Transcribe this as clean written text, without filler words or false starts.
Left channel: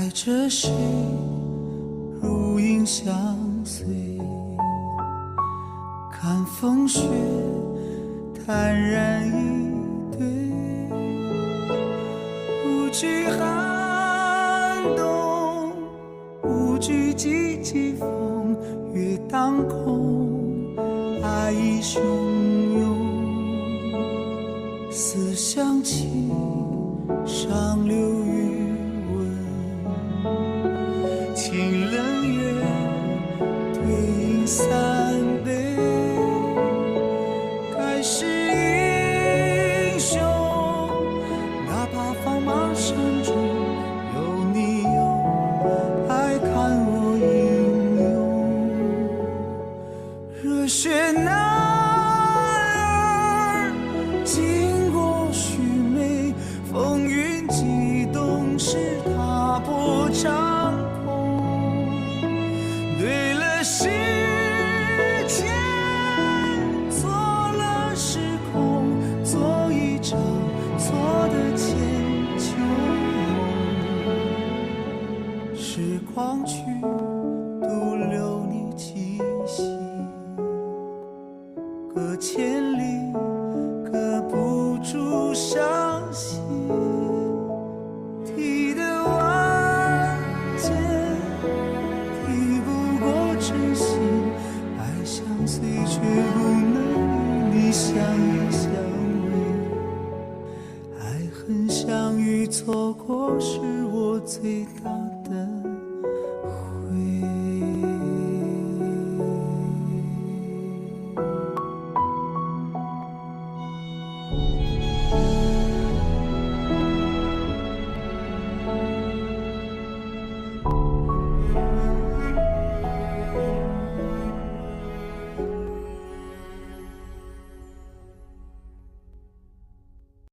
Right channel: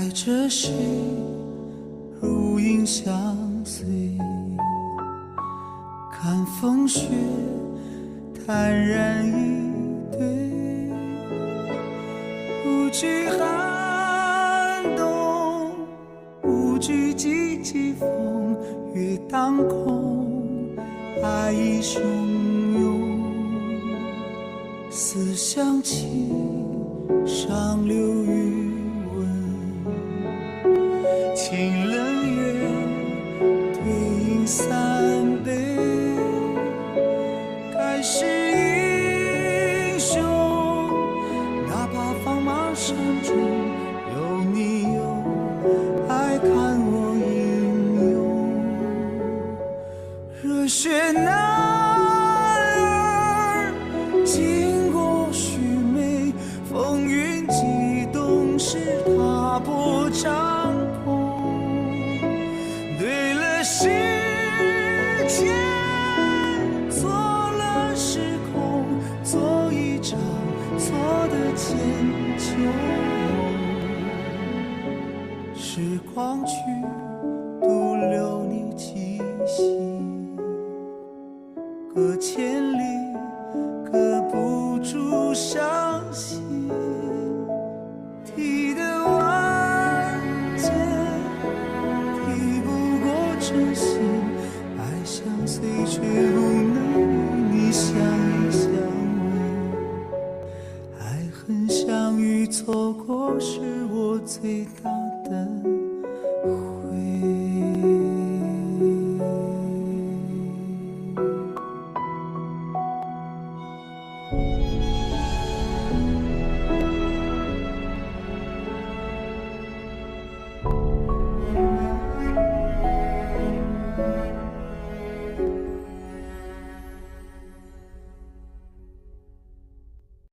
爱着谁，如影相随，看风雪坦然以对，无惧寒冬，无惧几季风月当空，爱意汹涌，思乡情上流余温，清冷月对影三杯，该是英雄，哪怕放马山中有你有爱看我英勇，热血男儿经过许梅，风云激动时踏破长空，对了时间，错了时空，做一场错的千秋梦，时光去独留你气息，隔千里隔不住伤心，提得万箭提不过真心，爱相随却不能与你相依相偎，爱恨相遇错过是我最大的悔。